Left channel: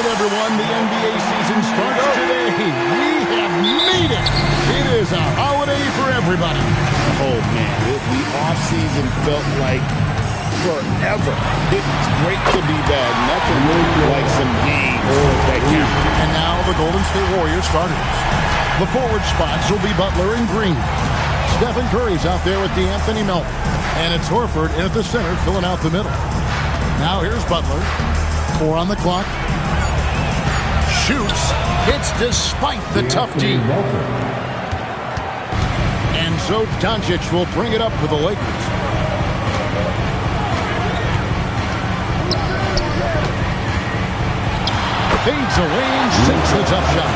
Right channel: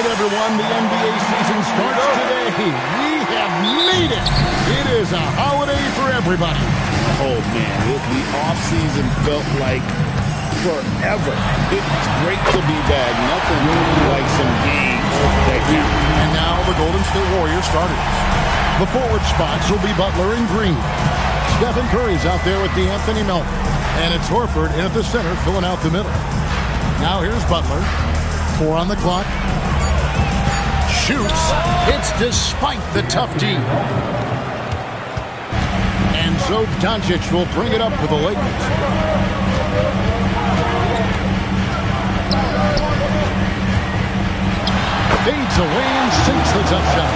right, everyone, the NBA season starts today. We have made it. It is a holiday for everybody. Oh, man, the offseason felt like forever. It's great to be back. Nothing like some games that count. And now the Golden State Warriors starters. The forward spots will be Butler and Green. Stephen Curry's out there with DeAnthony Melton. And it's Horford in at the center, filling out the middle. Now here's Butler. 4 on the clock. Shoots. Hits despite the tough D. And so Doncic will bring it up for the Lakers. Fades away and sinks the tough shot.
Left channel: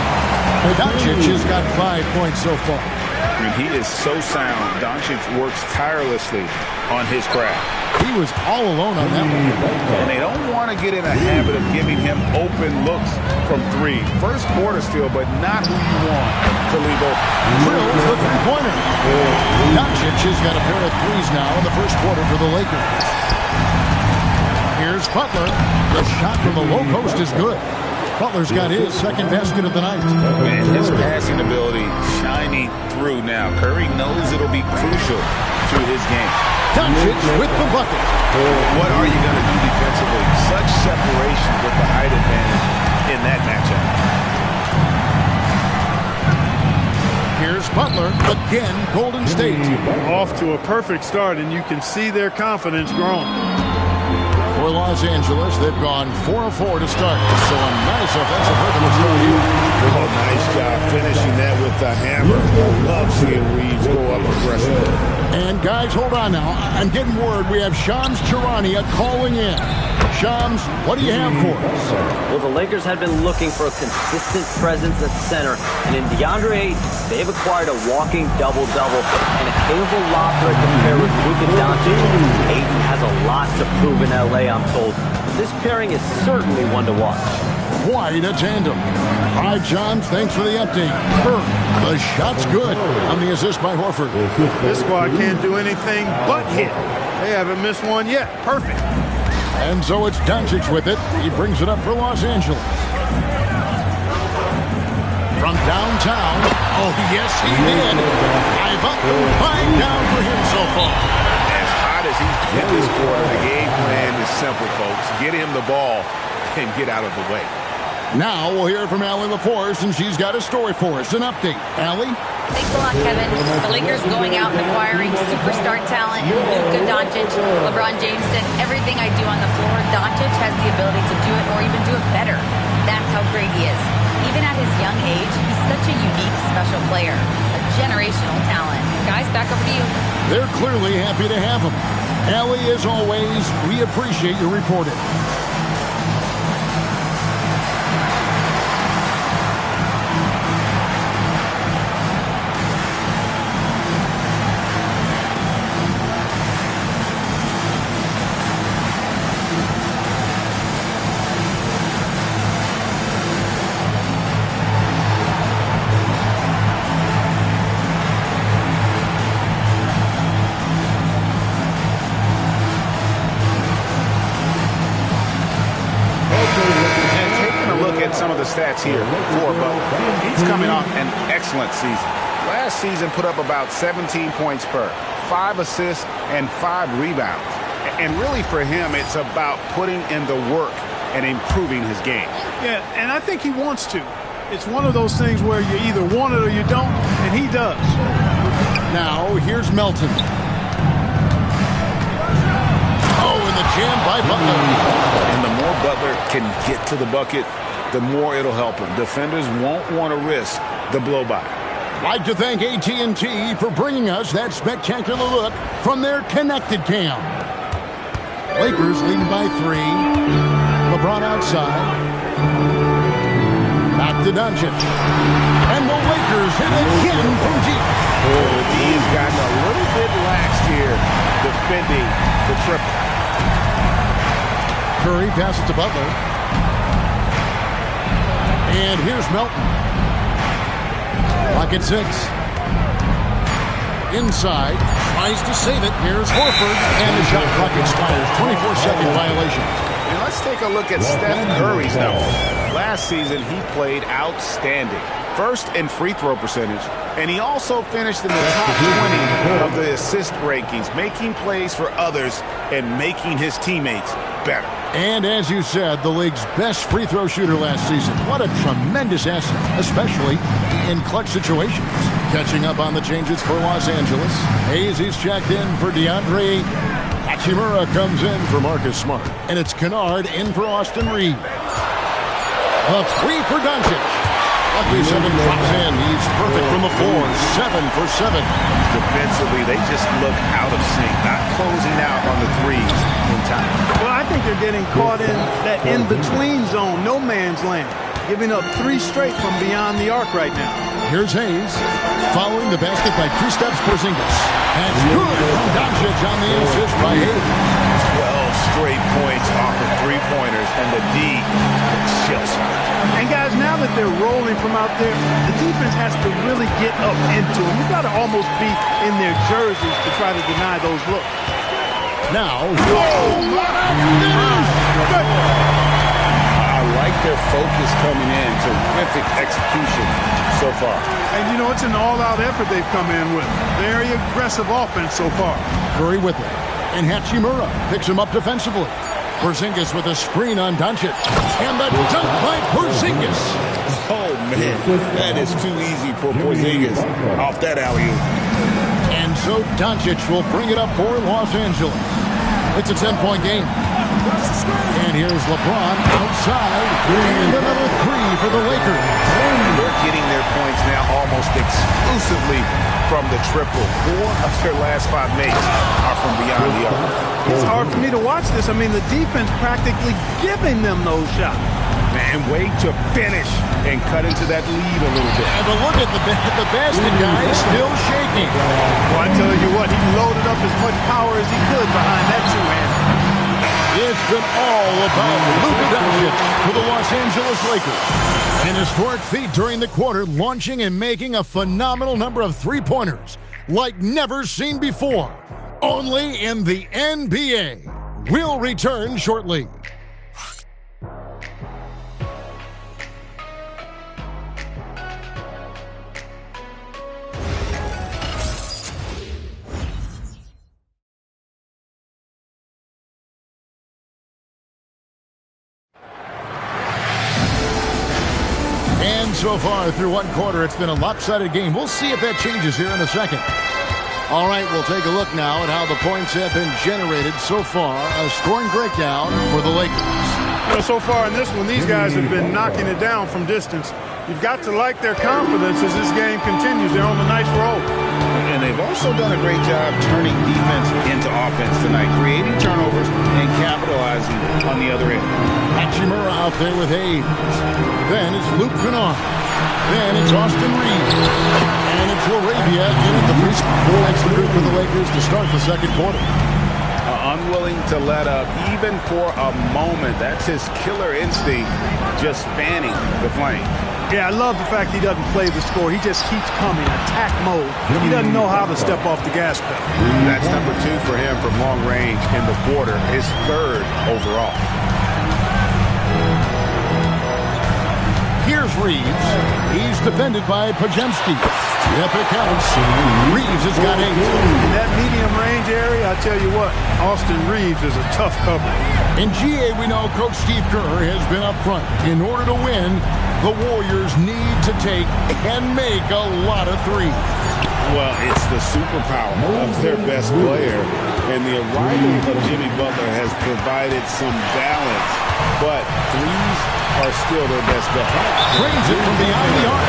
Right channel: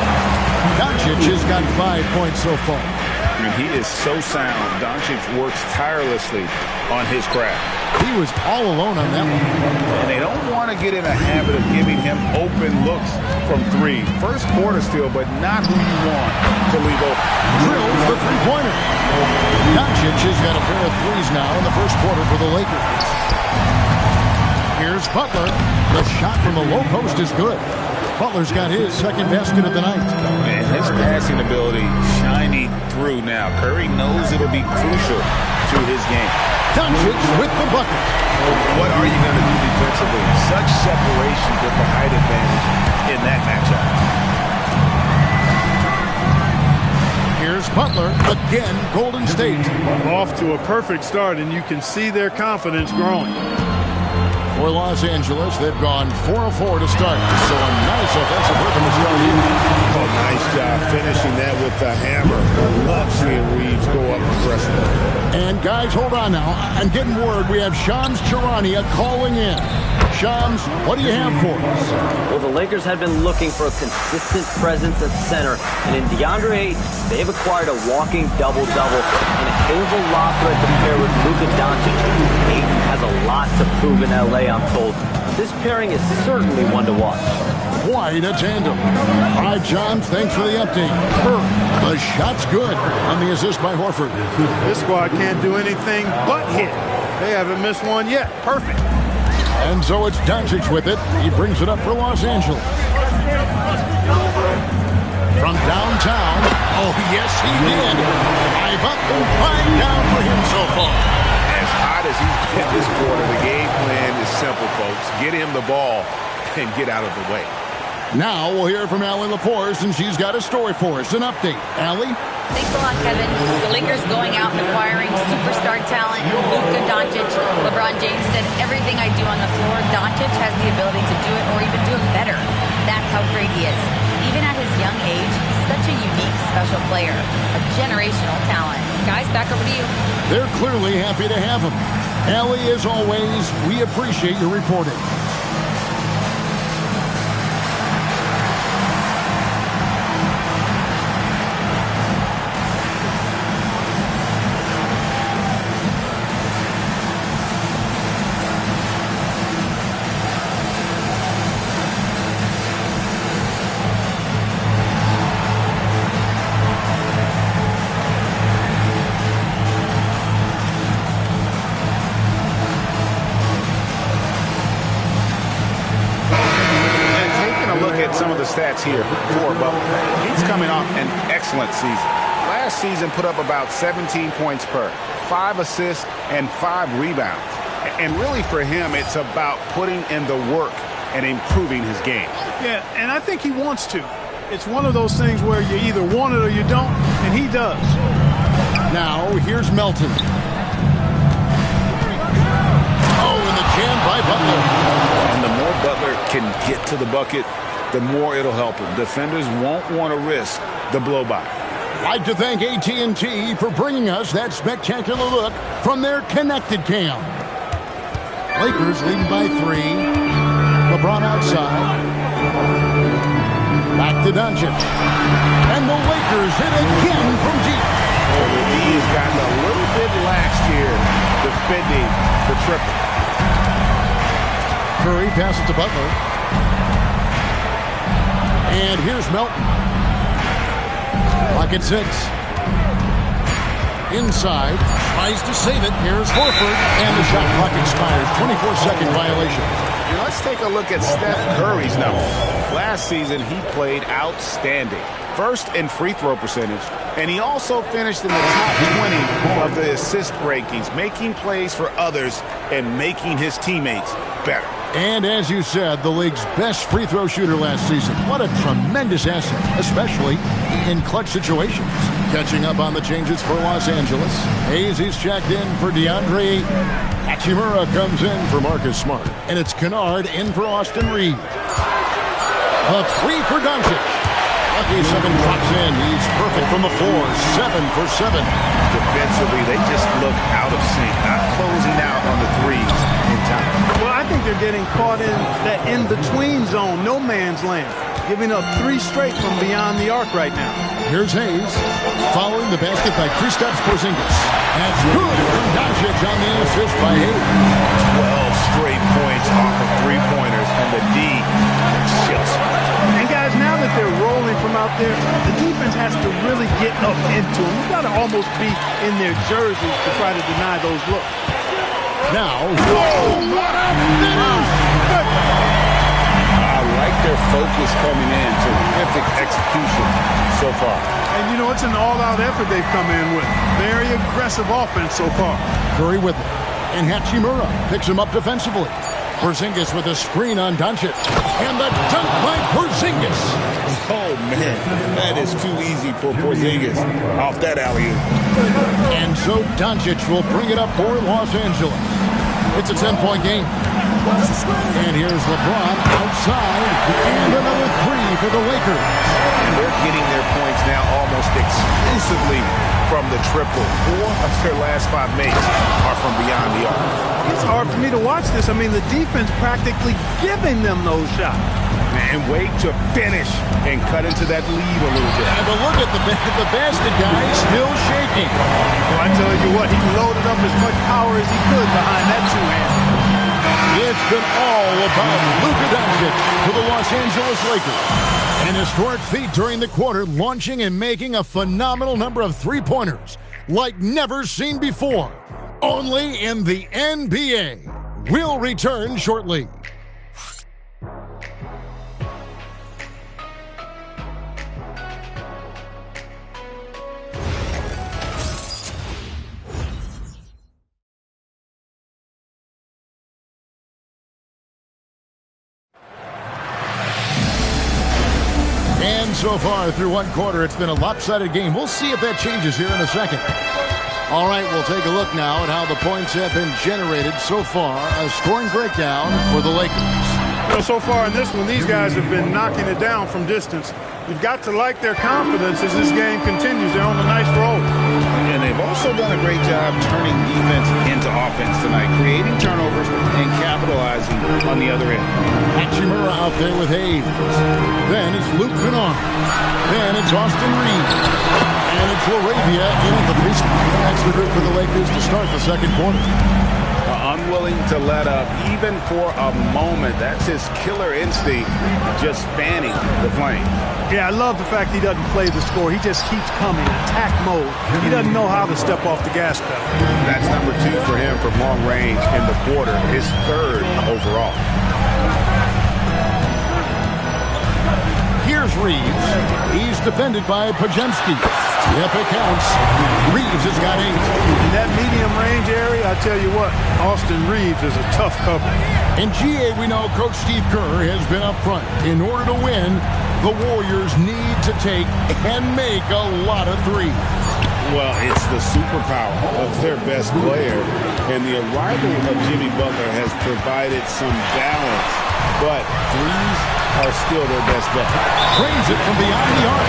Doncic has got 5 points so far. I mean, he is so sound. Doncic works tirelessly on his craft. He was all alone on that one. And they don't want to get in a habit of giving him open looks from 3. First quarter still, but not who you want to leave open. Drills the three-pointer. Doncic has got a pair of threes now in the first quarter for the Lakers. Here's Butler. The shot from the low post is good. Butler's got his second basket of the night. And his passing ability shining through now. Curry knows it'll be crucial to his game. Doncic with the bucket. What are you going to do defensively? Such separation with the height advantage in that matchup. Here's Butler. Again, Golden State. Off to a perfect start, and you can see their confidence growing. For Los Angeles, they've gone 4 of 4 to start. So a nice offensive rhythm to start here. Oh, nice job finishing that with the hammer. Love seeing Reeves go up aggressively. And guys, hold on now. I'm getting word we have Shams Charania calling in. Shams, what do you have for us? Well, the Lakers had been looking for a consistent presence at center, and in DeAndre Ayton, they've acquired a walking double-double and a capable lob threat to pair with Luka Doncic. Ayton has a lot to prove in L.A., I'm told, but this pairing is certainly one to watch. Quite a tandem. All right, Shams, thanks for the update. The shot's good on the assist by Horford. This squad can't do anything but hit. They haven't missed one yet. Perfect. And so it's Doncic with it. He brings it up for Los Angeles. From downtown. Oh, yes, he did. 5 up and 5 down for him so far. As hot as he's hit this quarter, the game plan is simple, folks. Get him the ball and get out of the way. Now we'll hear from Allie LaForce, and she's got a story for us. An update. Allie? Thanks a lot, Kevin. The Lakers going out and acquiring superstar talent in Luka Doncic. LeBron James said, everything I do on the floor, Doncic has the ability to do it or even do it better. That's how great he is. Even at his young age, he's such a unique, special player. A generational talent. Guys, back over to you. They're clearly happy to have him. Allie, as always, we appreciate your reporting. Some of the stats here for Butler. He's coming off an excellent season. Last season put up about 17 points per, 5 assists, and 5 rebounds. And really for him, it's about putting in the work and improving his game. Yeah, and I think he wants to. It's one of those things where you either want it or you don't, and he does. Now, here's Melton. Oh, and the jam by Butler. And the more Butler can get to the bucket, the more it'll help him. Defenders won't want to risk the blow-by. Like to thank AT&T for bringing us that spectacular look from their connected cam. Lakers leading by 3. LeBron outside. Back to Doncic. And the Lakers hit again from deep. The D has gotten a little bit lax here defending the triple. Curry passes to Butler. And here's Melton. Clock at 6. Inside. Tries to save it. Here's Horford. And the shot clock expires. 24-second violation. And let's take a look at Steph Curry's numbers. Last season, he played outstanding. First in free throw percentage, and he also finished in the top 20 of the assist rankings, making plays for others and making his teammates better. And as you said, the league's best free throw shooter last season. What a tremendous asset, especially in clutch situations. Catching up on the changes for Los Angeles. Hayes, he's checked in for DeAndre. Hachimura comes in for Marcus Smart. And it's Kennard in for Austin Reeves. A three for Doncic. Lucky 7 drops in. He's perfect from the floor. 7 for 7. Defensively, they just look out of sync, not closing out on the threes in time. Well, I think they're getting caught in that in-between zone, no man's land, giving up 3 straight from beyond the arc right now. Here's Hayes, following the basket by Kristaps Porzingis. That's good from Doncic on the assist by Hayes. 12 straight points off of three-pointers, and the D chills. And guys, now that they're rolling from out there, the defense has to really get up into them. You've got to almost be in their jerseys to try to deny those looks. Now, whoa, what a finish! I like their focus coming in. Terrific execution so far. And, you know, it's an all-out effort they've come in with. Very aggressive offense so far. Curry with it. And Hachimura picks him up defensively. Porzingis with a screen on Doncic. And the dunk by Porzingis. Oh, man. That is too easy for Porzingis off that alley-oop. And so Doncic will bring it up for Los Angeles. It's a 10-point game. And here's LeBron outside. And another 3 for the Lakers. And they're getting their points now almost exclusively from the triple. 4 of their last 5 makes are from beyond the arc. It's hard for me to watch this. I mean, the defense practically giving them those shots. And wait to finish and cut into that lead a little bit. And but look at the basket guy still shaking. Well, I tell you what, he loaded up as much power as he could behind that two-hander. It's been all about Luka Doncic for the Los Angeles Lakers. An historic feat during the quarter, launching and making a phenomenal number of three-pointers like never seen before. Only in the NBA. We'll return shortly. And so far through one quarter, it's been a lopsided game. We'll see if that changes here in a second. All right, we'll take a look now at how the points have been generated so far. A scoring breakdown for the Lakers. You know, so far in this one, these guys have been knocking it down from distance. You've got to like their confidence as this game continues. They're on a nice roll. And they've also done a great job turning defense into offense tonight, creating turnovers and capitalizing on the other end. Hachimura out there with Hayes. Then it's Luke Kennard. Then it's Austin Reeves. And it's LaRavia in at the 3 spot. That's the group for the Lakers to start the second quarter. Unwilling to let up even for a moment. That's his killer instinct, just fanning the flames. Yeah, I love the fact he doesn't play the score. He just keeps coming, attack mode. He doesn't know how to step off the gas pedal. That's number 2 for him from long range in the quarter, his 3rd overall. Here's Reeves. He's defended by Podziemski. Yep, it counts. Reeves has got 8. In that medium range area, I tell you what, Austin Reeves is a tough cover. In GA, we know Coach Steve Kerr has been up front. In order to win, the Warriors need to take and make a lot of threes. Well, it's the superpower of their best player, and the arrival of Jimmy Butler has provided some balance, but threes are still their best bet. Drains it from beyond the arc.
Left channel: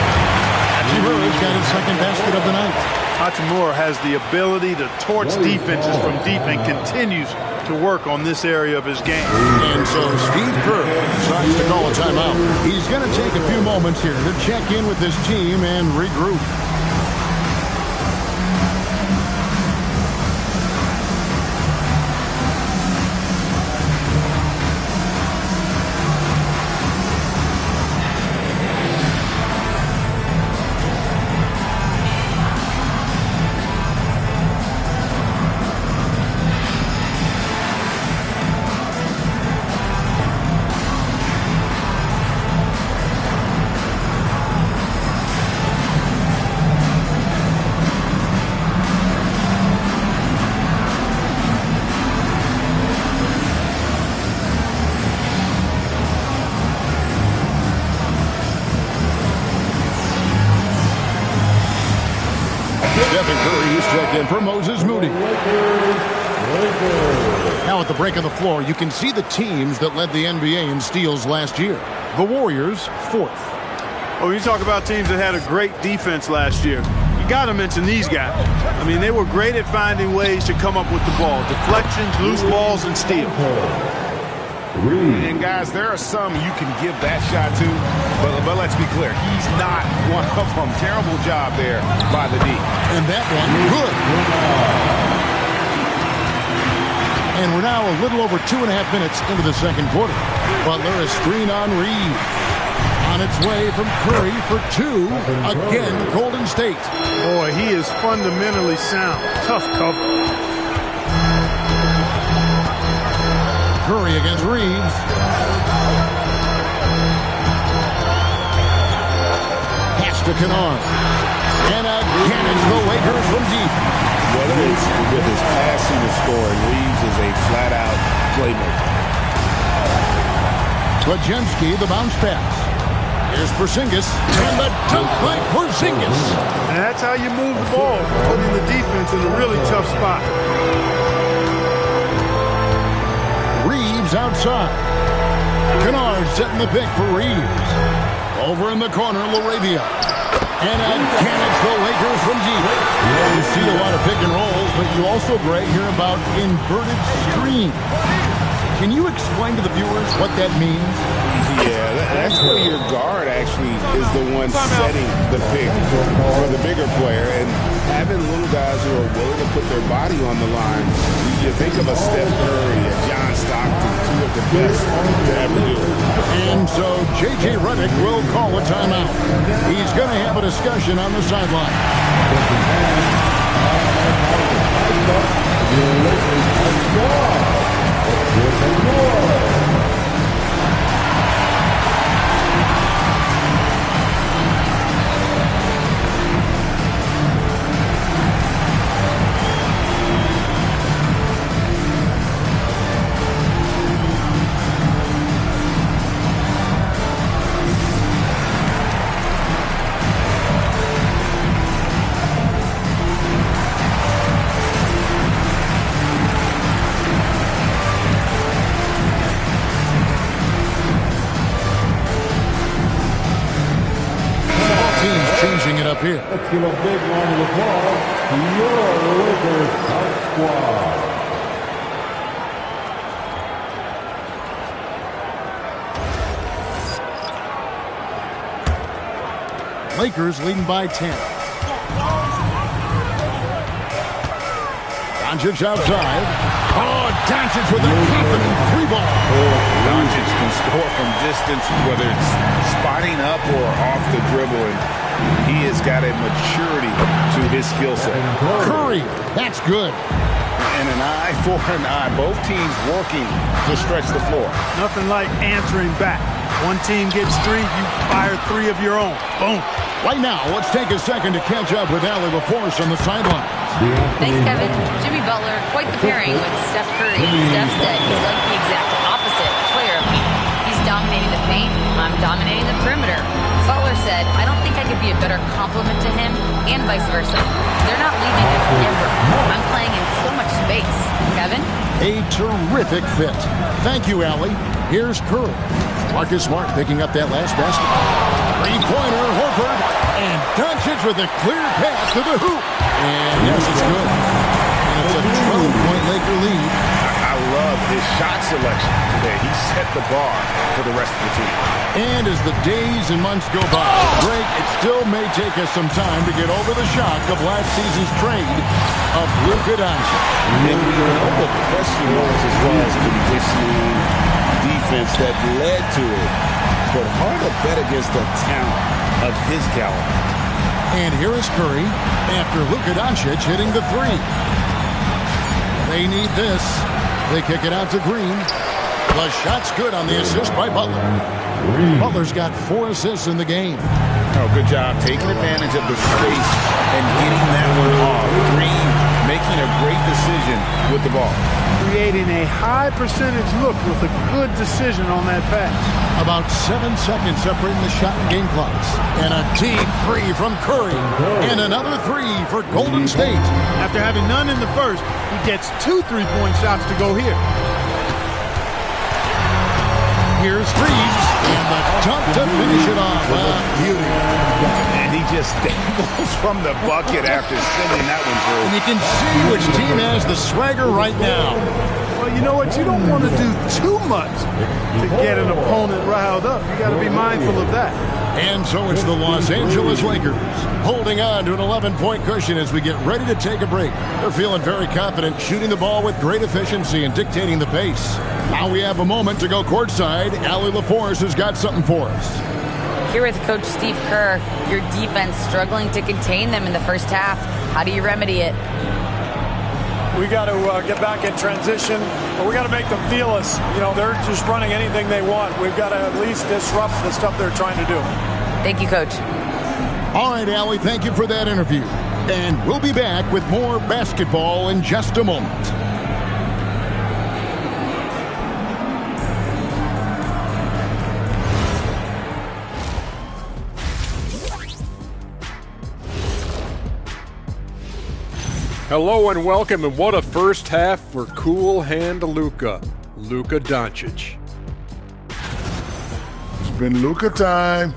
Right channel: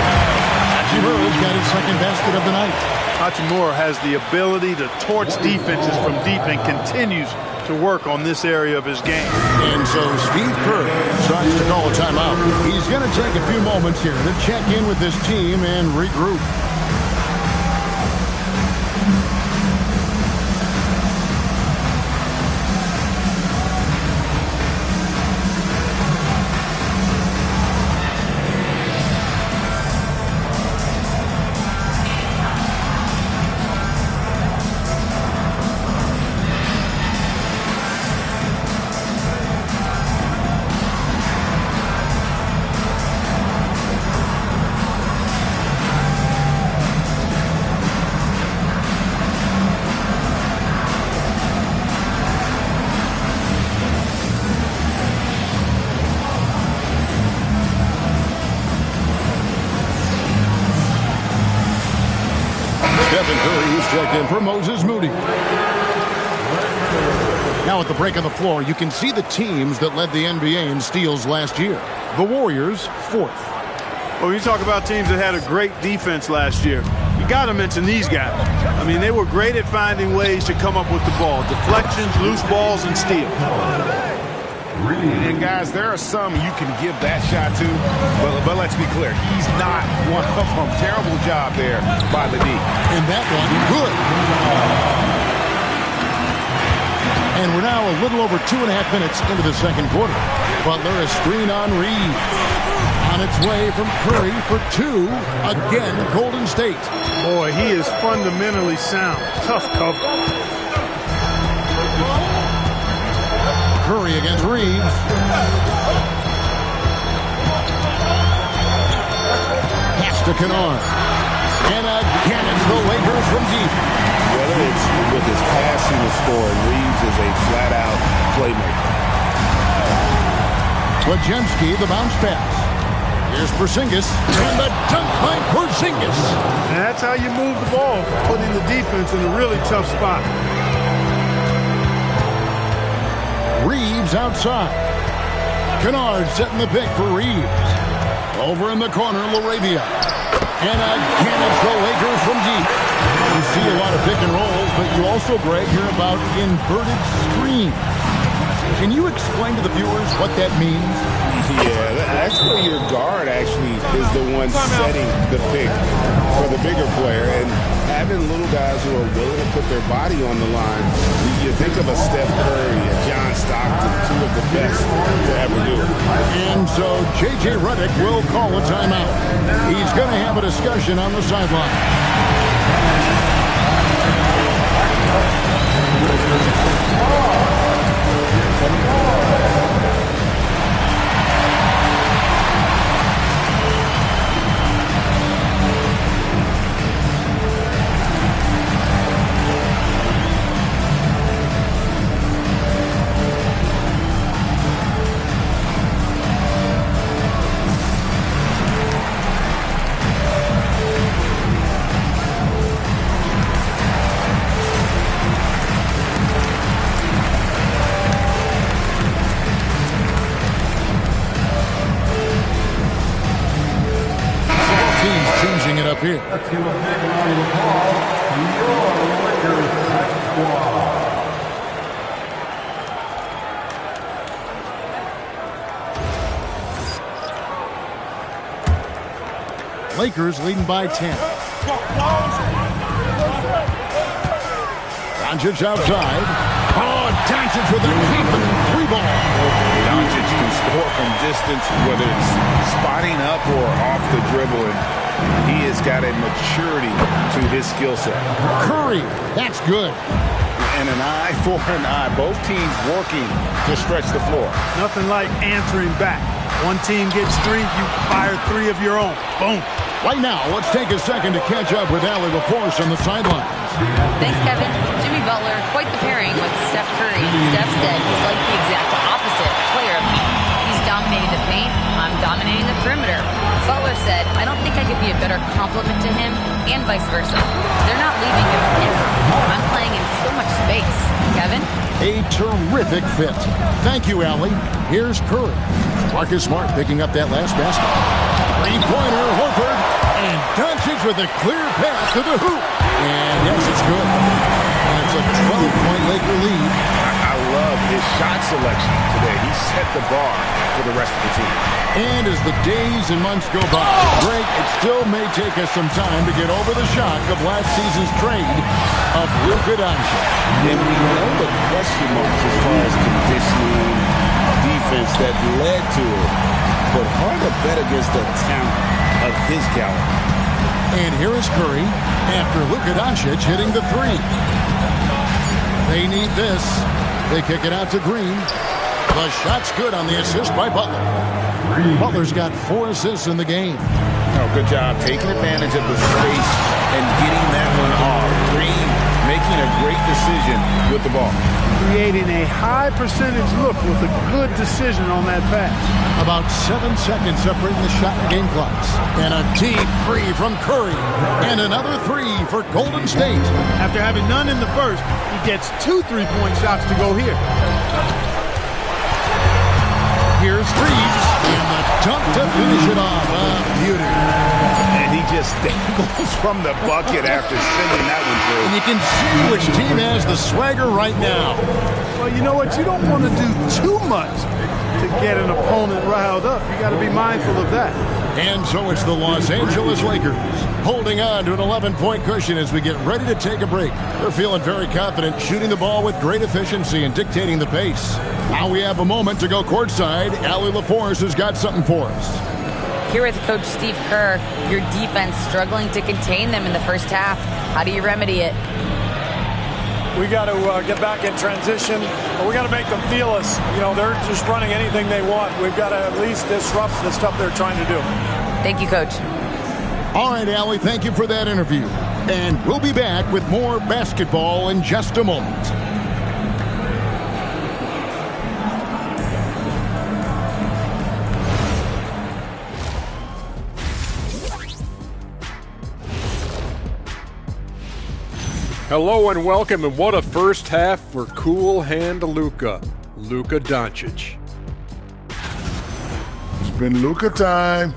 Hachimura's got his second basket of the night. Hachimura has the ability to torch defenses from deep and continues to work on this area of his game. And so Steve Kerr decides to call a timeout. He's going to take a few moments here to check in with his team and regroup. Stephen Curry, who's checked in for Moses Moody. Now at the break on the floor, you can see the teams that led the NBA in steals last year. The Warriors, 4th. Well, when you talk about teams that had a great defense last year, you got to mention these guys. I mean, they were great at finding ways to come up with the ball. Deflections, loose balls, and steals. And guys, there are some you can give that shot to, but let's be clear, he's not one of them. Terrible job there by the D. And that one, good. And we're now a little over 2.5 minutes into the second quarter. Butler a screen on Reed. On its way from Curry for 2. Again, Golden State. Boy, he is fundamentally sound. Tough cover. Curry against Reeves. Pass to Kennard. And again, it's the Lakers from deep. Whether it's with his passing or scoring, Reeves is a flat-out playmaker. Podziemski, the bounce pass. Here's Porzingis, and the dunk by Porzingis. And that's how you move the ball, putting the defense in a really tough spot. Reeves outside. Kennard setting the pick for Reeves. Over in the corner, LaRavia. And again, it's the Lakers from deep. You see a lot of pick and rolls, but you also, Greg, hear about inverted screens. Can you explain to the viewers what that means? Yeah, that's where your guard actually is the one setting the pick for the bigger player. And having little guys who are willing to put their body on the line, you think of a Steph Curry, a John Stockton, 2 of the best to ever do it. And so J.J. Redick will call a timeout. He's going to have a discussion on the sideline. Changing it up here. Let's give a big round of applause to your Lakers Hot Squad. Lakers leading by 10. Doncic outside. Oh, Doncic with a confident 3 ball. Doncic can score from distance, whether it's spotting up or off the dribble, and he has got a maturity to his skill set. Curry, that's good. And an eye for an eye. Both teams working to stretch the floor. Nothing like answering back. One team gets 3, you fire 3 of your own. Boom. Right now, let's take a second to catch up with Allie LaForce on the sidelines. Thanks, Kevin. Jimmy Butler, quite the pairing with Steph Curry. And Steph said he's like the exact opposite player of me. He's dominating the paint. I'm dominating the perimeter. Butler said, I don't think I could be a better complement to him, and vice versa. They're not leaving him ever. I'm playing in so much space. Kevin? A terrific fit. Thank you, Allie. Here's Curry. Marcus Smart picking up that last basket. 3-pointer, Horford. And Doncic with a clear pass to the hoop. And yes, it's good. And it's a 12-point Laker lead. I love his shot selection today. He set the bar for the rest of the team. And as the days and months go by, Greg, it still may take us some time to get over the shock of last season's trade of Luka Doncic. And we know the question marks as far as conditioning, defense that led to it. But hard to bet against the talent of his caliber. And here is Curry after Luka Doncic hitting the 3. They need this. They kick it out to Green. The shot's good on the assist by Butler. Butler's got 4 assists in the game. Oh, good job taking advantage of the space and getting that one off. Green making a great decision with the ball. creating a high percentage look with a good decision on that pass. About 7 seconds separating the shot and game clocks. And a deep three from Curry. And another three for Golden State. After having none in the first, he gets 2 3-point shots to go here. Here's Freeze, and the dunk to finish it off. Beauty. And he just dangles from the bucket after sending that one through. And you can see which team has the swagger right now. Well, you know what? You don't want to do too much to get an opponent riled up. You got to be mindful of that. And so it's the Los Angeles Lakers holding on to an 11-point cushion as we get ready to take a break. They're feeling very confident, shooting the ball with great efficiency and dictating the pace. Now we have a moment to go courtside. Allie LaForce has got something for us. Here with Coach Steve Kerr, your defense struggling to contain them in the first half. How do you remedy it? We got to get back in transition, or we got to make them feel us. You know, they're just running anything they want. We've got to at least disrupt the stuff they're trying to do. Thank you, Coach. All right, Allie, thank you for that interview. And we'll be back with more basketball in just a moment. Hello and welcome, and what a first half for Cool Hand Luka Doncic. It's been Luka time.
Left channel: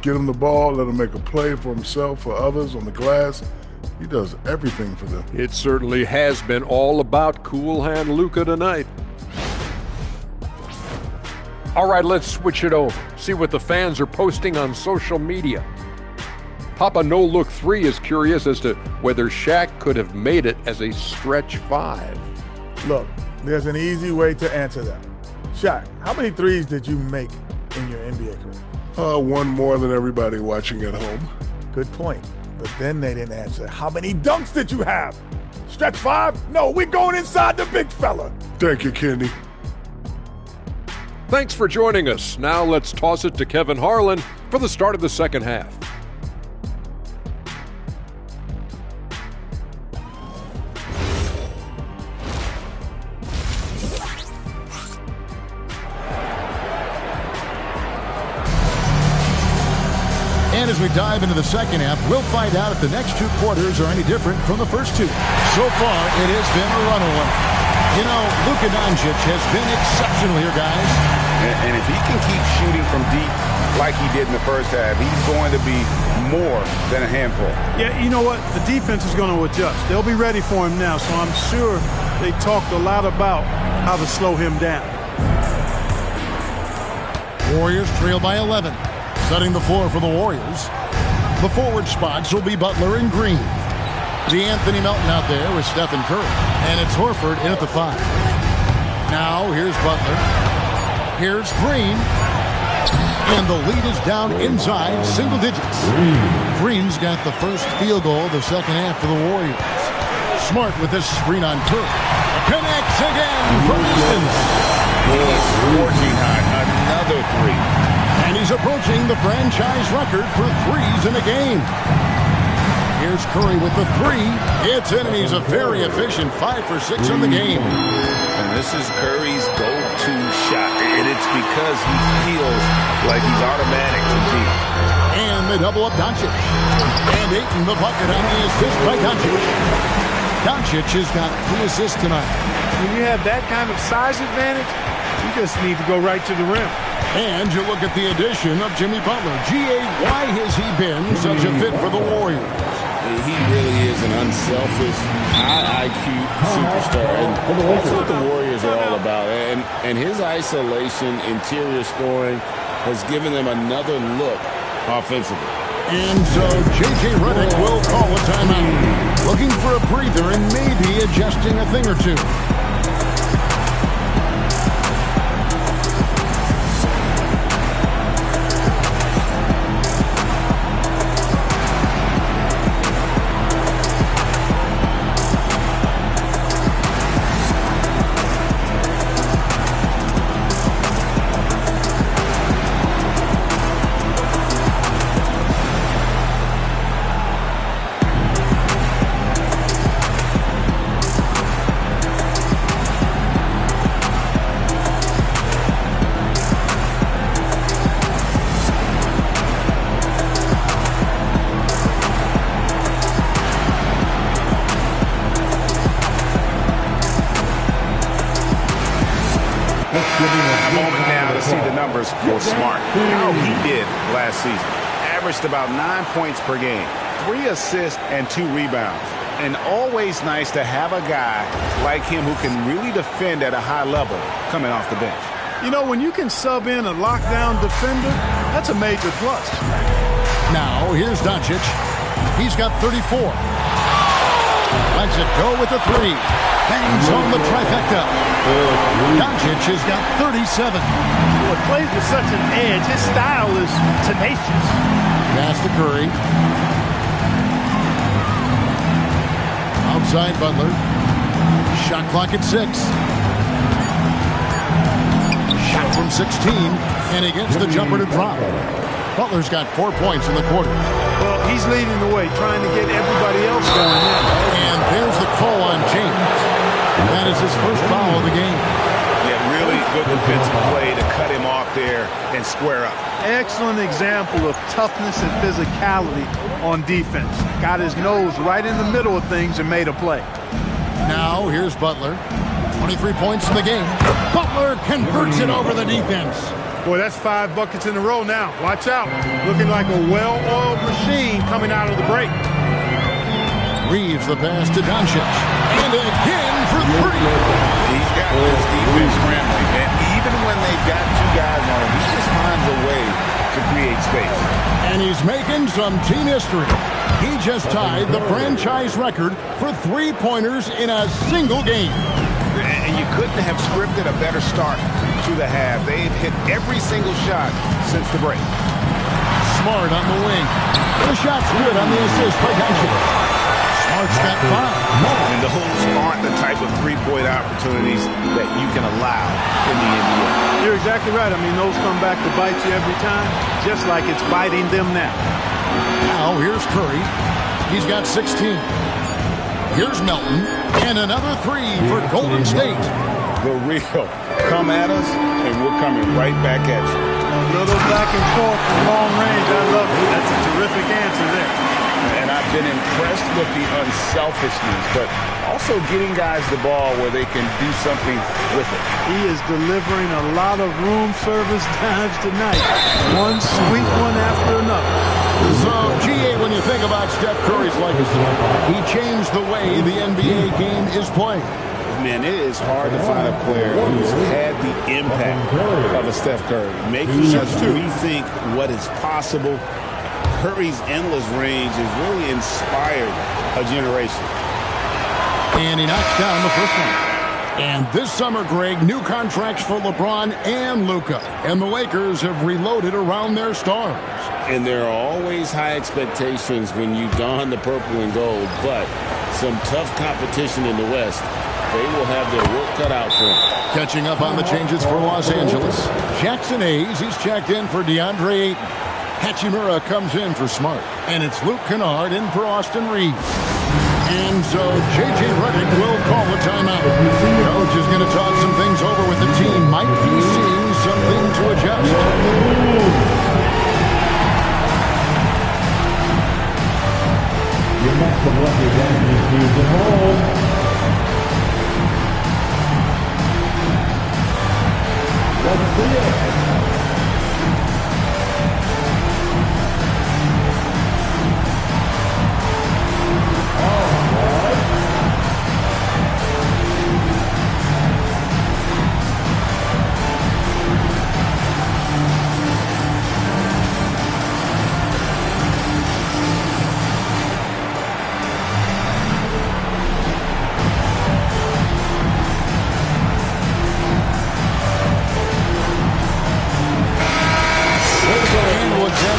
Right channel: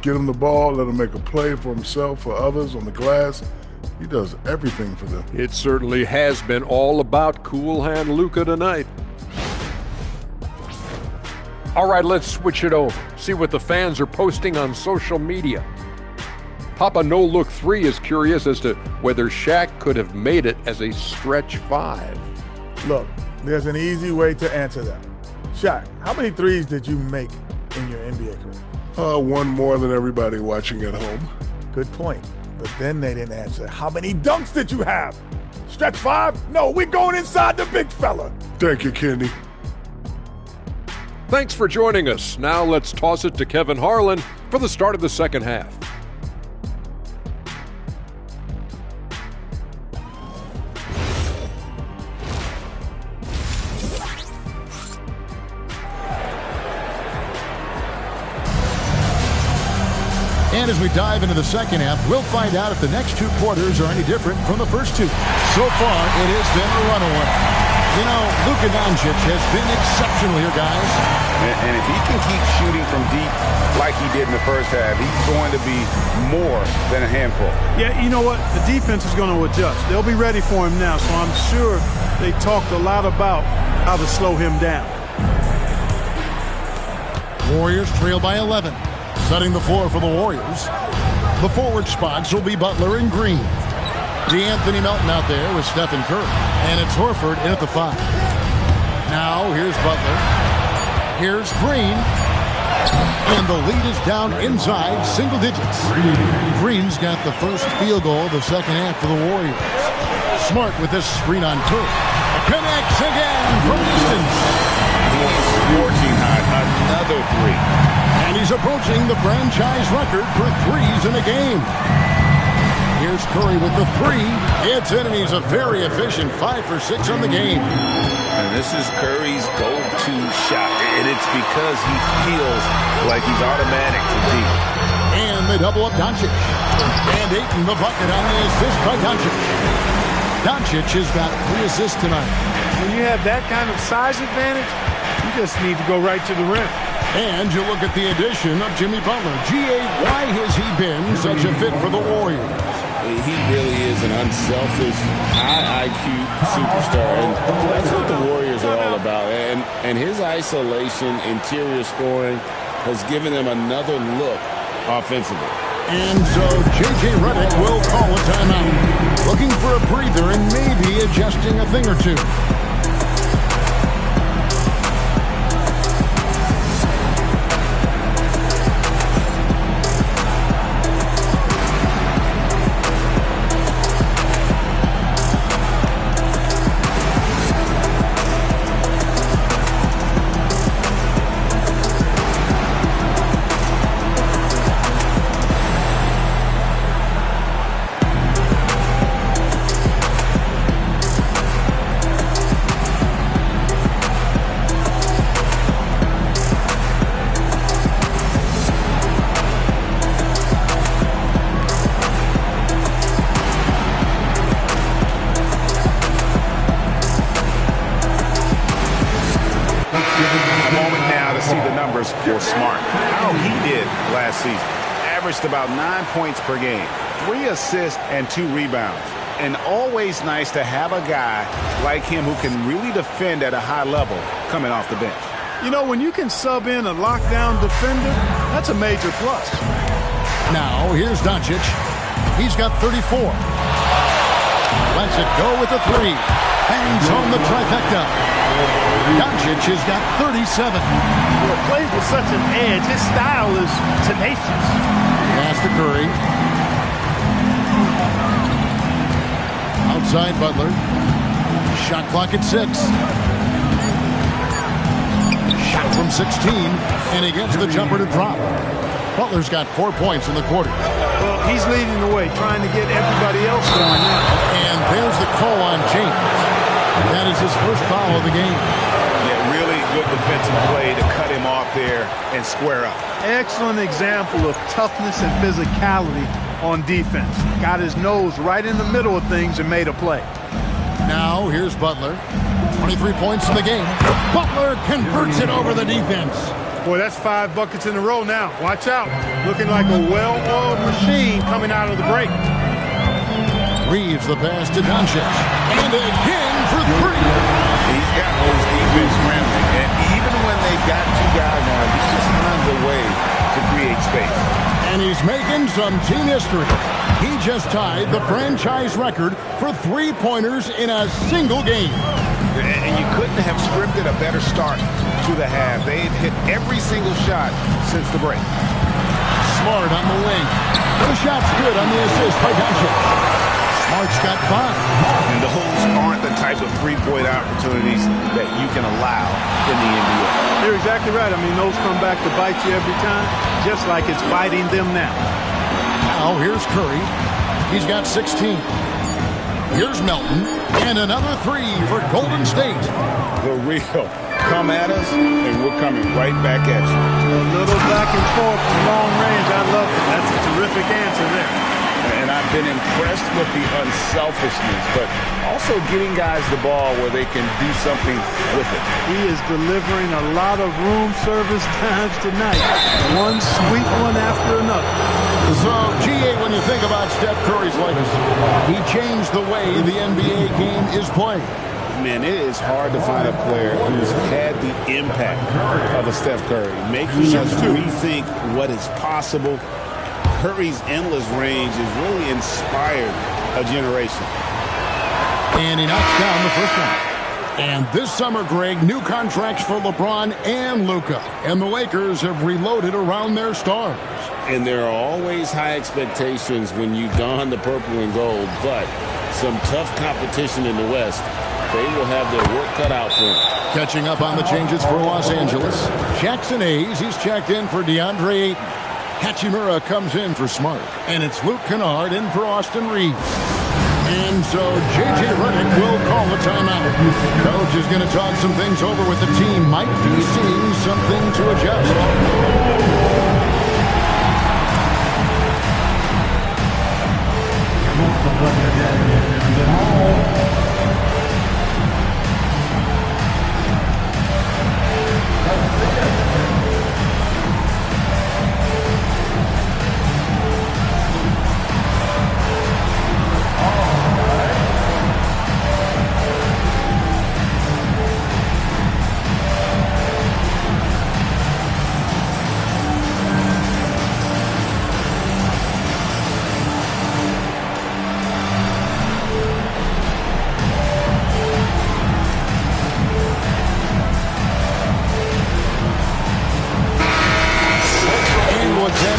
Get him the ball, let him make a play for himself, for others on the glass. He does everything for them. It certainly has been all about Cool Hand Luka tonight. All right, let's switch it over. See what the fans are posting on social media. Papa No Look 3 is curious as to whether Shaq could have made it as a stretch 5. Look, there's an easy way to answer that. Shaq, how many threes did you make in your NBA career? One more than everybody watching at home. Good point. But then they didn't answer. How many dunks did you have? Stretch 5? No, we're going inside the big fella. Thank you, Kenny. Thanks for joining us. Now let's toss it to Kevin Harlan for the start of the second half. And as we dive into the second half, we'll find out if the next 2 quarters are any different from the first 2. So far, it has been a runaway. You know, Luka Doncic has been exceptional here, guys. And if he can keep shooting from deep like he did in the first half, he's going to be more than a handful. Yeah, you know what? The defense is going to adjust. They'll be ready for him now, so I'm sure they talked a lot about how to slow him down. Warriors trail by 11. Setting the floor for the Warriors. The forward spots will be Butler and Green. DeAnthony Melton out there with Stephen Curry. And it's Horford in at the 5. Now here's Butler. Here's Green. And the lead is down inside single digits. Green's got the first field goal of the second half for the Warriors. Smart with this screen on Curry. Connects again from distance. He's scorching hot. Another 3. And he's approaching the franchise record for threes in a game. Here's Curry with the 3. It's in, and he's a very efficient 5 for 6 on the game. And this is Curry's go-to shot, and it's because he feels like he's automatic from deep. And they double up Doncic. And Ayton the bucket on the assist by Doncic. Doncic has got 3 assists tonight. When you have that kind of size advantage, you just need to go right to the rim. And you look at the addition of Jimmy Butler. G.A., why has he been such a fit for the Warriors? He really is an unselfish, high IQ superstar, and that's what the Warriors are all about. And his isolation, interior scoring, has given them another look offensively. And so J.J. Redick will call a timeout, looking for a breather and maybe adjusting a thing or 2. numbers for Smart. How he did last season. Averaged about 9 points per game, 3 assists and 2 rebounds. And always nice to have a guy like him who can really defend at a high level coming off the bench. You know, when you can sub in a lockdown defender, that's a major plus. Now, here's Doncic. He's got 34. Lets it go with the 3. Hangs home the trifecta. Doncic has got 37. Boy, plays with such an edge. His style is tenacious. Pass to Curry. Outside Butler. Shot clock at 6. Shot from 16, and he gets the jumper to drop. Butler's got 4 points in the quarter. Well, he's leading the way, trying to get everybody else going now. And there's the call on James. That is his first foul of the game. Yeah, really good defensive play to cut him off there and square up. Excellent example of toughness and physicality on defense. Got his nose right in the middle of things and made a play. Now, here's Butler. 23 points in the game. Butler converts it over the defense. Boy, that's 5 buckets in a row now. Watch out. Looking like a well-oiled machine coming out of the break. Reeves the pass to Doncic. And again for 3. He's got this defense scrambling. And even when they've got 2 guys on him, he just finds a way to create space. And he's making some team history. He just tied the franchise record for 3-pointers in a single game. And you couldn't have scripted a better start to the half. They've hit every single shot since the break. Smart on the wing. The shot's good on the assist by Doncic. Smart's got 5. And those aren't the type of 3-point opportunities that you can allow in the NBA. You're exactly right. I mean, those come back to bite you every time, just like it's biting them now. Now, here's Curry. He's got 16. Here's Melton. And another 3 for Golden State. The real. Come at us, and we're coming right back at you. A little back and forth from long range. I love it. That's a terrific answer there. And I've been impressed with the unselfishness, but also getting guys the ball where they can do something with it. He is delivering a lot of room service times tonight. One sweet one after another. So, G.A., when you think about Steph Curry's legacy, he changed the way the NBA game is played. Man, it is hard to find a player who's had the impact of a Steph Curry, making us rethink what is possible. Curry's endless range has really inspired a generation. And he knocks down the first one. And this summer, Greg, new contracts for LeBron and Luka. And the Lakers have reloaded around their stars. And there are always high expectations when you don the purple and gold, but some tough competition in the West. They will have their work cut out for them. Catching up on the changes for Los Angeles. Jackson Hayes, he's checked in for DeAndre Ayton. Hachimura comes in for Smart. And it's Luke Kennard in for Austin Reeves. And so J.J. Redick will call a timeout. Coach is going to talk some things over with the team. Might be seeing something to adjust.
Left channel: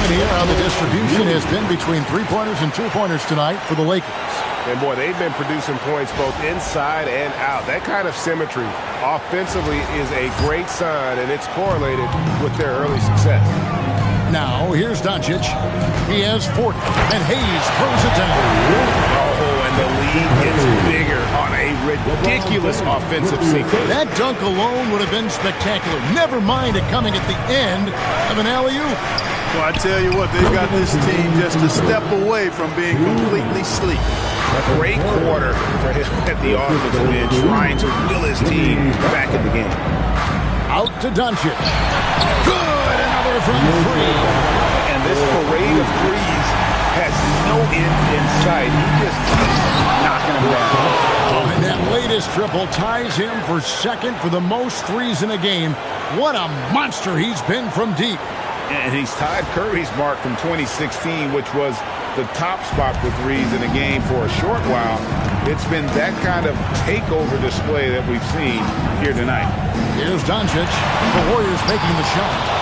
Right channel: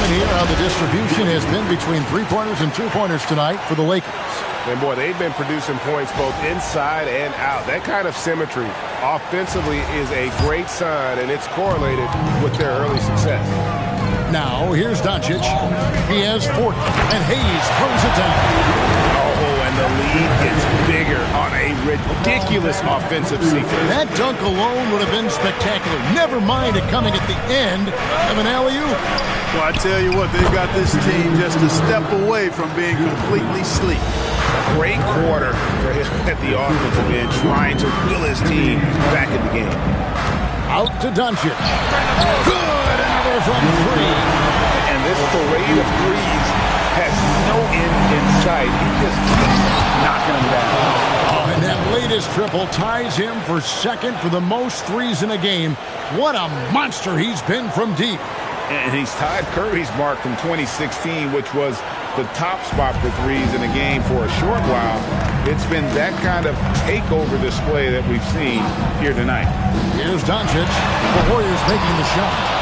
Here how the distribution has been between 3-pointers and 2-pointers tonight for the Lakers. And boy, they've been producing points both inside and out. That kind of symmetry offensively is a great sign, and it's correlated with their early success. Now, here's Doncic. He has 40, and Hayes throws it down. Oh, and the lead gets bigger on a ridiculous offensive sequence. That dunk alone would have been spectacular. Never mind it coming at the end of an alley-oop. Well, I tell you what, they've got this team just a step away from being completely sleek. Great quarter for him at the offensive end, trying to will his team back in the game. Out to Doncic. Good, another from three. And this parade of threes has no end in sight. He just keeps knocking them down. Oh, and that latest triple ties him for second for the most threes in a game. What a monster he's been from deep. And he's tied Curry's mark from 2016, which was the top spot for threes in a game for a short while. It's been that kind of takeover display that we've seen here tonight. Here's Doncic. The Warriors making the shot.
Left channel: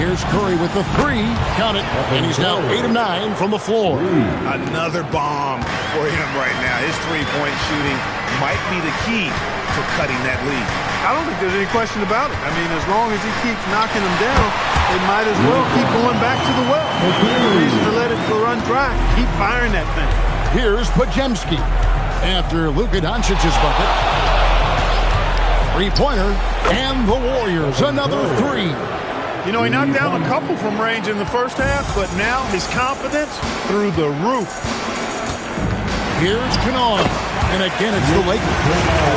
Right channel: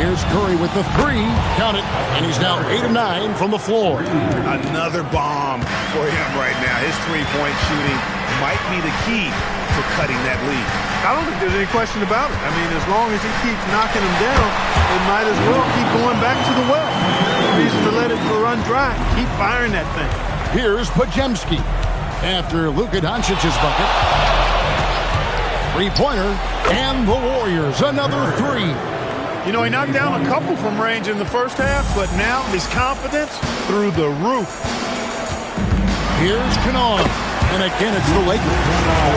Here's Curry with the three. Count it. And he's now 8 of 9 from the floor. Another bomb for him right now. His three-point shooting might be the key to cutting that lead. I don't think there's any question about it. I mean, as long as he keeps knocking them down, they might as well keep going back to the well. No reason to let it run dry. Keep firing that thing. Here's Podziemski. After Luka Doncic's bucket. Three-pointer. And the Warriors, another three. You know, he knocked down a couple from range in the first half, but now his confidence through the roof. Here's Kennard. And again, it's the Lakers.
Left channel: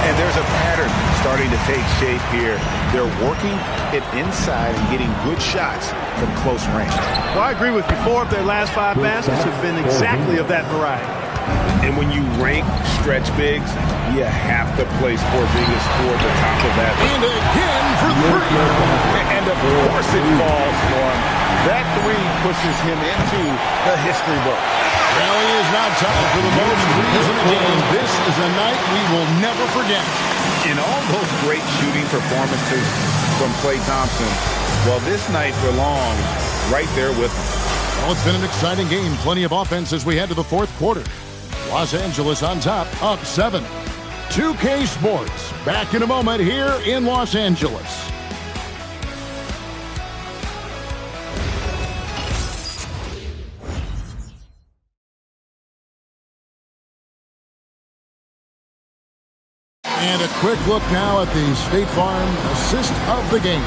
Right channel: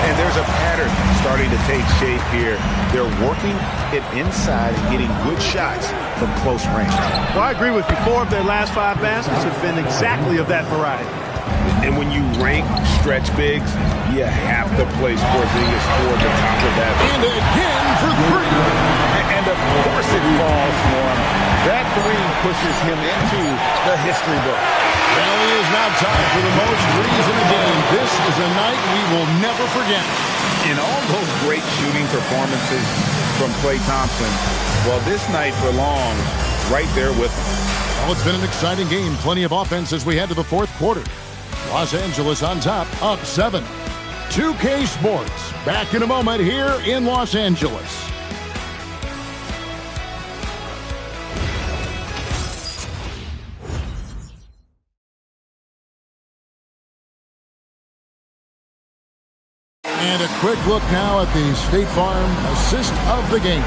And there's a pattern starting to take shape here. They're working it inside and getting good shots from close range. Well, I agree with you. 4 of their last 5 baskets have been exactly of that variety. And when you rank stretch bigs, you have to place Porzingis toward the top of that. And again for three. And of course it falls for him. That three pushes him into the history book. Well, he is now tied for the most threes in a game. This is a night we will never forget. In all those great shooting performances from Klay Thompson, well, this night belongs right there with him. Well, it's been an exciting game. Plenty of offense as we head to the fourth quarter. Los Angeles on top, up 7. 2K Sports, back in a moment here in Los Angeles. And a quick look now at the State Farm assist of the game.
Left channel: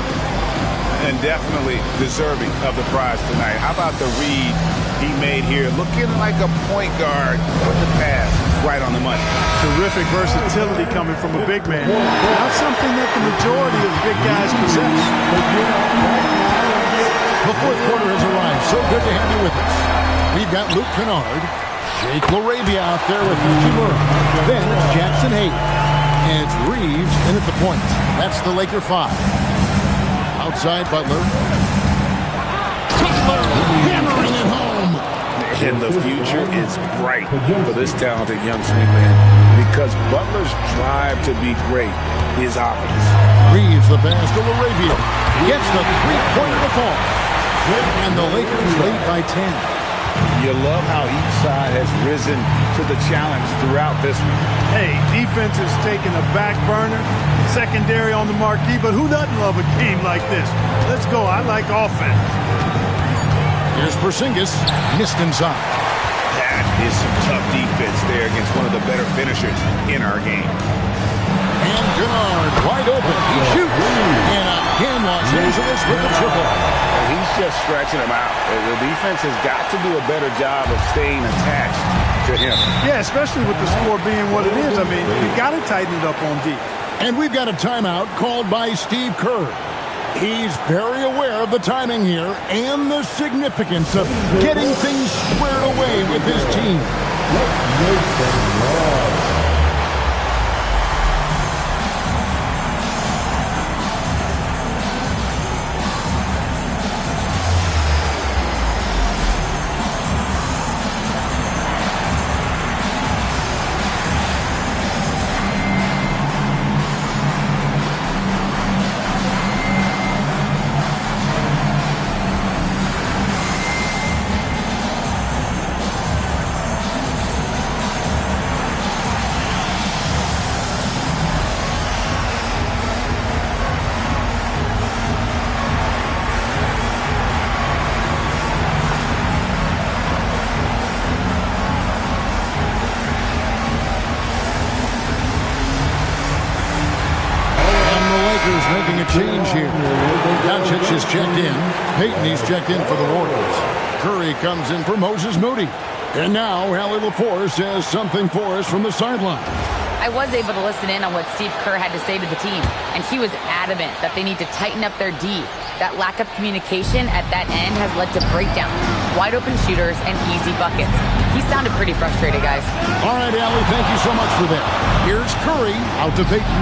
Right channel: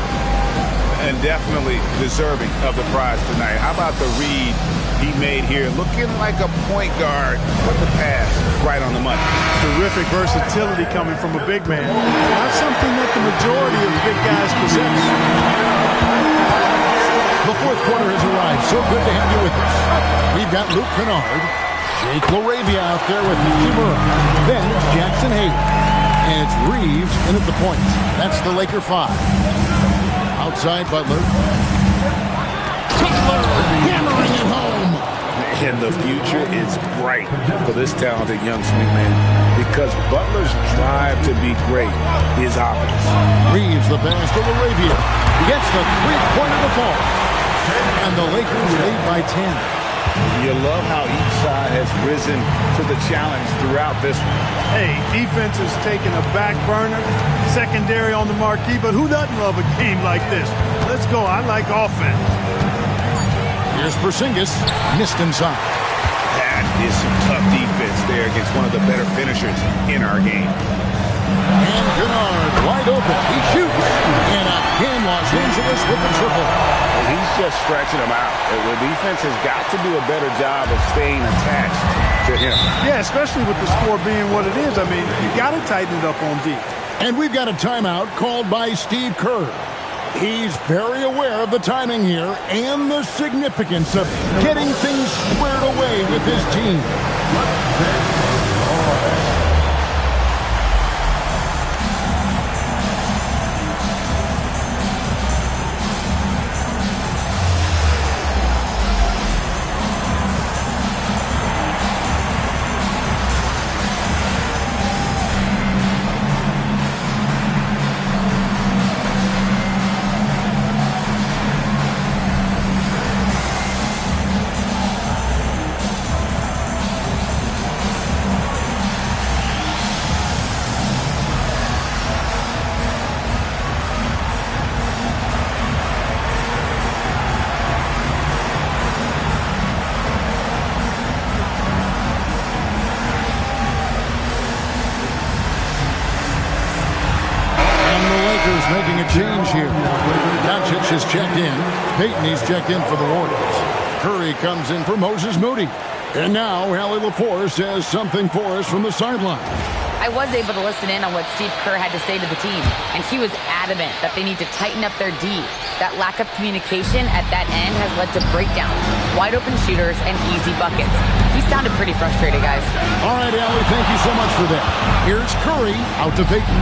And definitely deserving of the prize tonight. How about the read he made here? Looking like a point guard with the pass right on the money. Terrific versatility coming from a big man. Not something that the majority of big guys possess. The fourth quarter has arrived. So good to have you with us. We've got Luke Kennard, Jake LaRavia out there with Hachimura. Then it's Jackson Hayes. And it's Reeves in at the point. That's the Laker 5. Outside Butler. Butler hammering it home. And the future is bright for this talented young swingman because Butler's drive to be great is obvious. Reeves the pass to LaRavia. Gets the three-pointer to fall. And the Lakers lead by 10. You love how each side has risen to the challenge throughout this one. Hey, defense is taking a back burner, secondary on the marquee, but who doesn't love a game like this? Let's go. I like offense. Here's Porzingis, missed inside. That is some tough defense there against one of the better finishers in our game. And Kennard wide open. He shoots. And again, Los Angeles with the triple. He's just stretching him out. The defense has got to do a better job of staying attached to him. Yeah, especially with the score being what it is. I mean, you got to tighten it up on D. And we've got a timeout called by Steve Kerr. He's very aware of the timing here and the significance of getting things squared away with his team. Making a change here. Doncic has checked in. Payton, he's checked in for the Warriors. Curry comes in for Moses Moody. And now Allie LaForce has something for us from the sideline. I was able to listen in on what Steve Kerr had to say to the team, and he was adamant that they need to tighten up their D. That lack of communication at that end has led to breakdowns, wide open shooters, and easy buckets. He sounded pretty frustrated, guys. All right, Allie, thank you so much for that. Here's Curry out to Payton.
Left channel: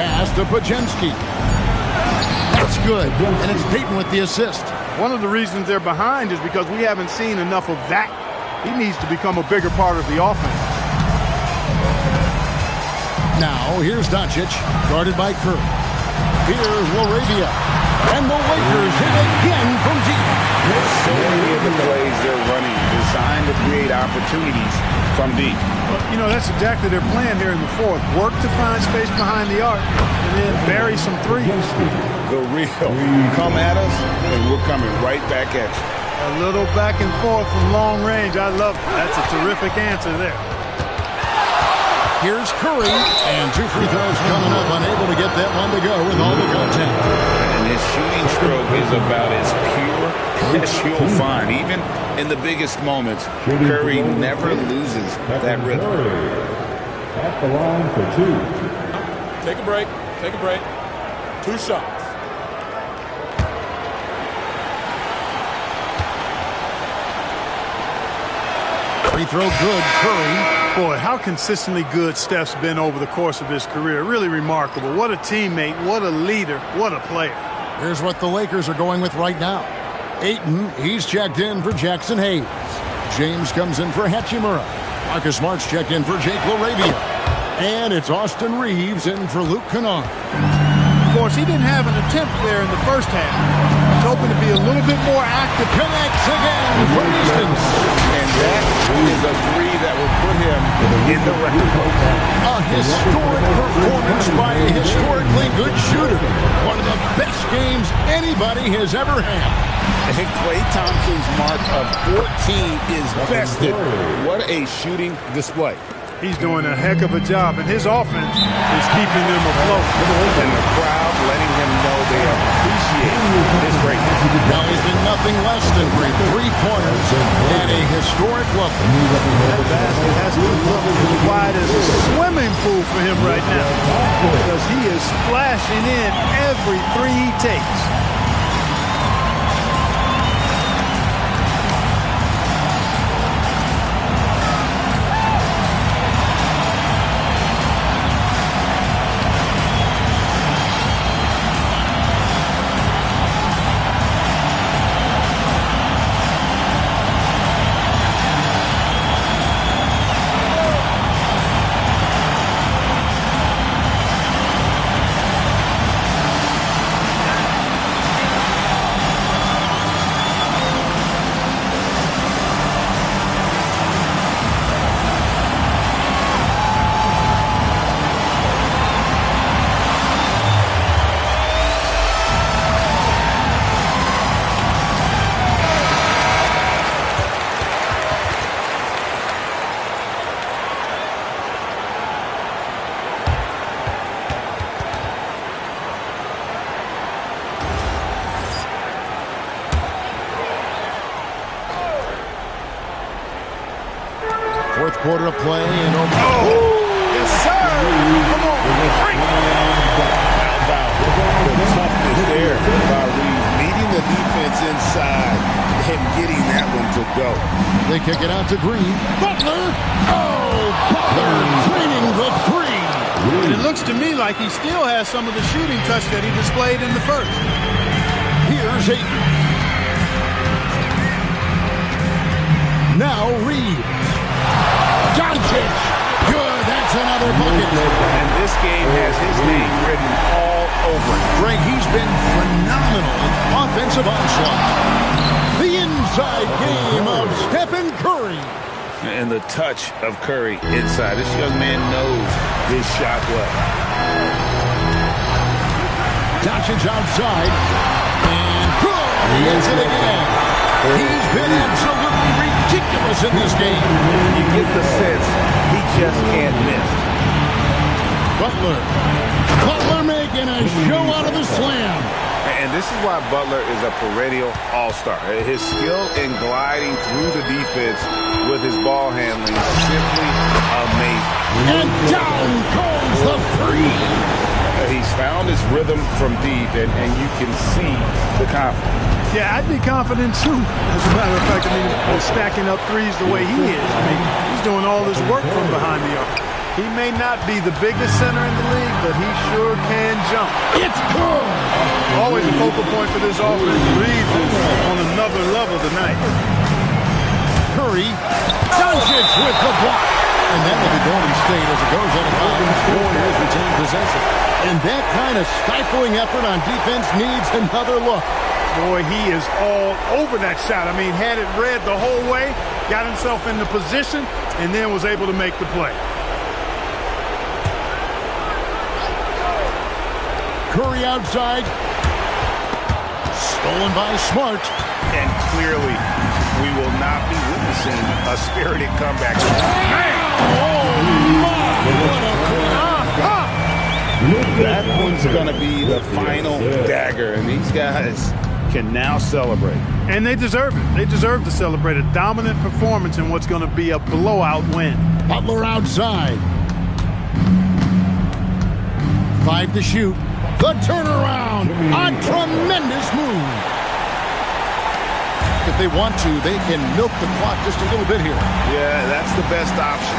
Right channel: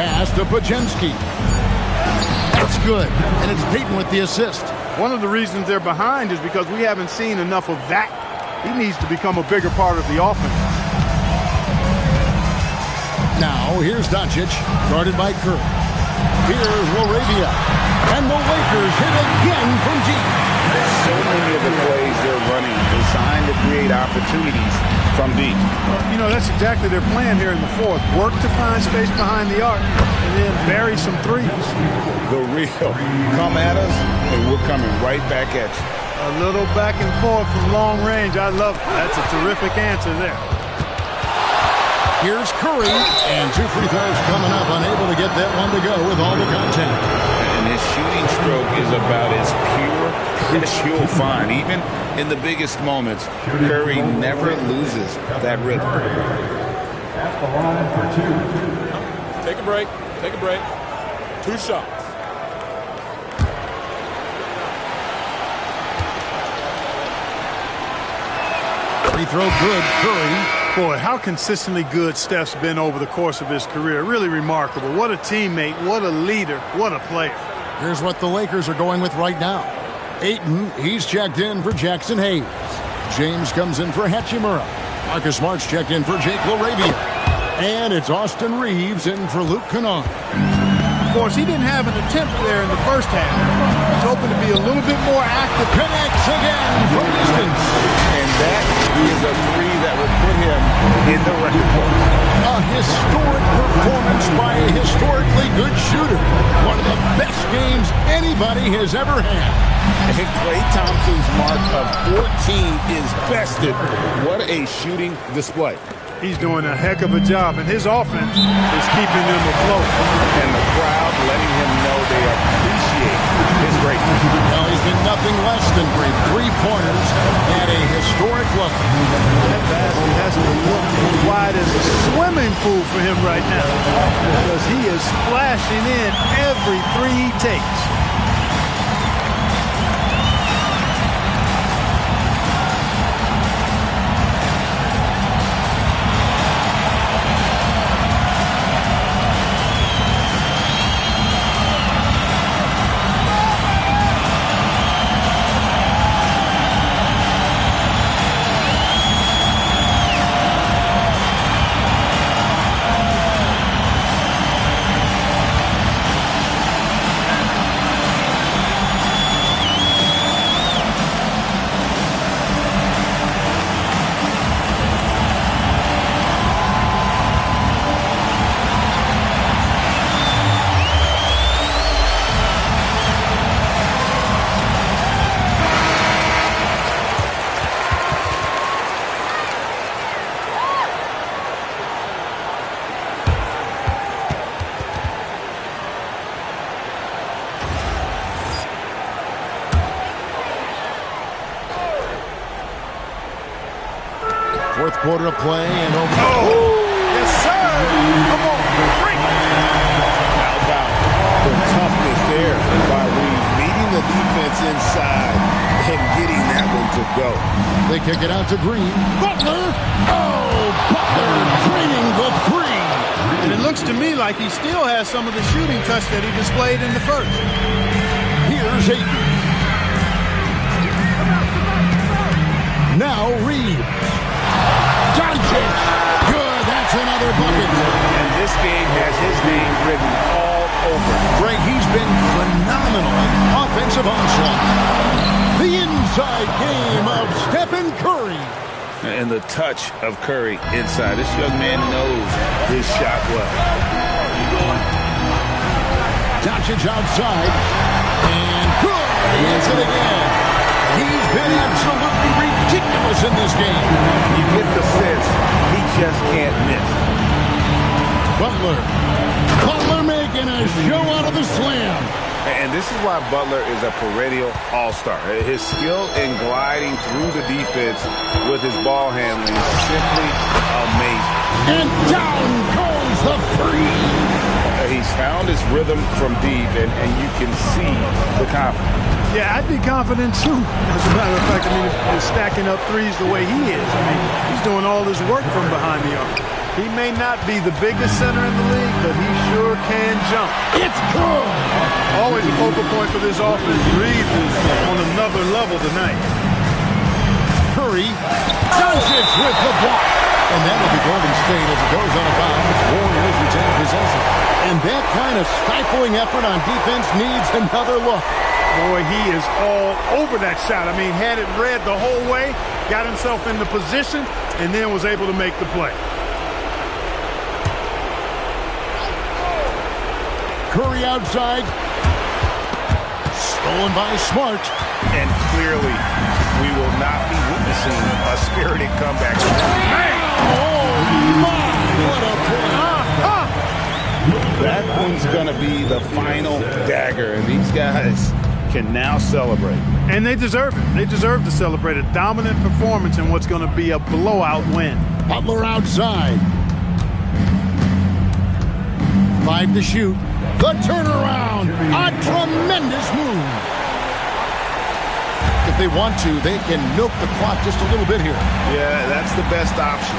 Pass to Pajemski. That's good, and it's Payton with the assist. One of the reasons they're behind is because we haven't seen enough of that. He needs to become a bigger part of the offense. Now, here's Doncic, guarded by Kerr. Here's LaRavia. And the Lakers hit again from deep. So many of the plays they're running designed to create opportunities from deep. Well, you know, that's exactly their plan here in the fourth. Work to find space behind the arc and then bury some threes. The real come at us, and we're coming right back at you. A little back and forth from long range. I love it. That's a terrific answer there. Here's Curry, and 2 free throws coming up, unable to get that one to go with all the contact. And his shooting stroke is about as pure as you'll find. Even in the biggest moments, Curry never loses that rhythm. At the line for 2. Take a break. Take a break. 2 shots. Free throw good, Curry. Boy, how consistently good Steph's been over the course of his career. Really remarkable. What a teammate, what a leader, what a player. Here's what the Lakers are going with right now. Ayton, he's checked in for Jackson Hayes. James comes in for Hachimura. Marcus Smart's checked in for Jake LaRavia. And it's Austin Reeves in for Luke Kennard. Of course, he didn't have an attempt there in the first half. He's hoping to be a little bit more active. Connects again from distance. And that is a three that will put him in the record books. A historic performance by a historically good shooter. One of the best games anybody has ever had. And Klay Thompson's mark of 14 is bested. What a shooting display. He's doing a heck of a job, and his offense is keeping them afloat. And the crowd letting him know they appreciate his greatness. Now he's been nothing less than great. 3-pointers at a historic level. That basket has to look as wide as a swimming pool for him right now, because he is splashing in every three he takes. Fourth quarter of play and over. Oh, yes, sir. Come on, bring it. How about the toughness there by Reeves, meeting the defense inside and getting that one to go. They kick it out to Green. Butler. Oh, Butler draining the three. And it looks to me like he still has some of the shooting touch that he displayed in the first. Here's Ayton. Now Reeves. Doncic. Good. That's another bucket. And this game has his name written all over it. Greg, he's been phenomenal in offensive onslaught. The inside game of Stephen Curry. And the touch of Curry inside. This young man knows his shot well. Doncic outside. And good. He hits it again. He's been absolutely ridiculous in this game. You get the sense he just can't miss. Butler making a show out of the slam. And this is why Butler is a perennial all-star. His skill in gliding through the defense with his ball handling is simply amazing. And down goes the three. He's found his rhythm from deep, and you can see the confidence. Yeah, I'd be confident too. As a matter of fact, I mean, if stacking up threes the way he is, I mean, he's doing all this work from behind the arc. He may not be the biggest center in the league, but he sure can jump. It's good. Always a focal point for this offense. Reeves is on another level tonight. Curry, Doncic with the block. And that will be Golden State as it goes out of bounds. Warriors retain possession. And that kind of stifling effort on defense needs another look. Boy, he is all over that shot. I mean, had it read the whole way, got himself into position, and then was able to make the play. Curry outside. Stolen by Smart. And clearly, we will not be witnessing a spirited comeback. Oh, my! What a play. That one's going to be the final dagger, and these guys can now celebrate. And they deserve it. They deserve to celebrate a dominant performance in what's going to be a blowout win. Butler outside. 5 to shoot. The turnaround. A tremendous move. If they want to, they can milk the clock just a little bit here. Yeah, that's the best option.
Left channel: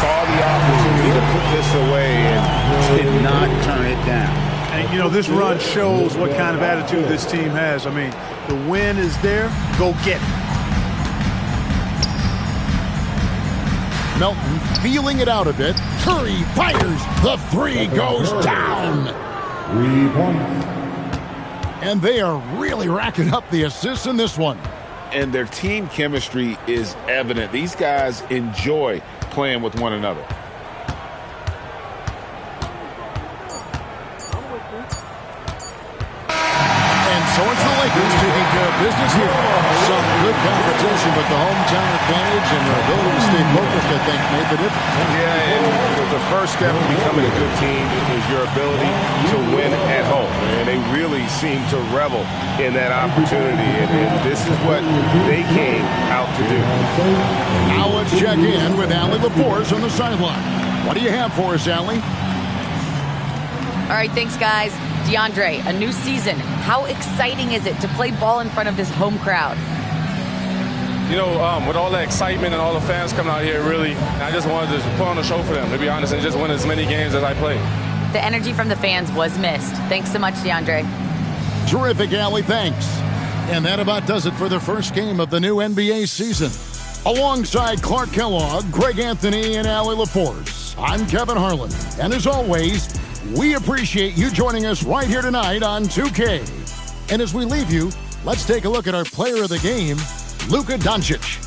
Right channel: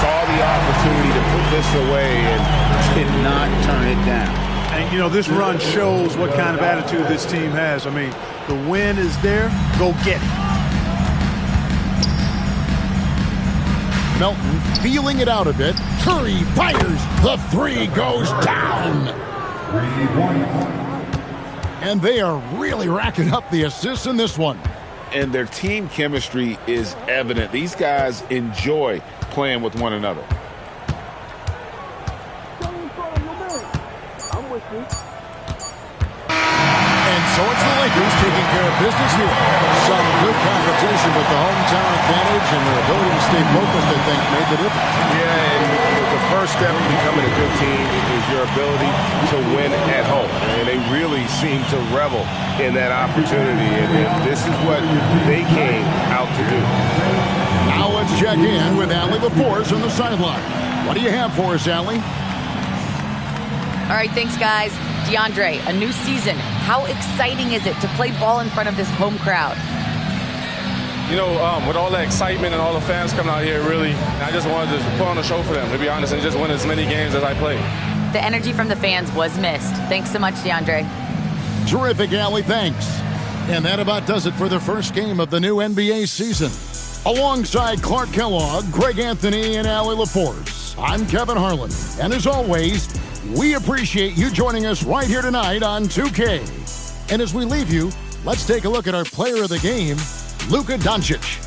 Saw the opportunity to put this away and did not turn it down. And, you know, this run shows what kind of attitude this team has. I mean, the win is there. Go get it. Melton feeling it out a bit. Curry fires. The three goes down. 3 points. And they are really racking up the assists in this one. And their team chemistry is evident. These guys enjoy playing with one another. And so it's the Lakers taking care of business here. Some good competition, but the hometown advantage and their ability to stay focused, I think, made the difference. Yeah, and the first step in becoming a good team is your ability to win at home. And they really seem to revel in that opportunity, and this is what they came out to do. Now let's check in with Allie LaForce on the sideline. What do you have for us, Allie? All right, thanks, guys. DeAndre, a new season. How exciting is it to play ball in front of this home crowd? You know, with all the excitement and all the fans coming out here, really, I just wanted to put on a show for them, to be honest, and just win as many games as I play. The energy from the fans was missed. Thanks so much, DeAndre. Terrific, Allie. Thanks. And that about does it for the first game of the new NBA season. Alongside Clark Kellogg, Greg Anthony, and Allie LaForce, I'm Kevin Harlan. And as always, we appreciate you joining us right here tonight on 2K. And as we leave you, let's take a look at our player of the game, Luka Doncic.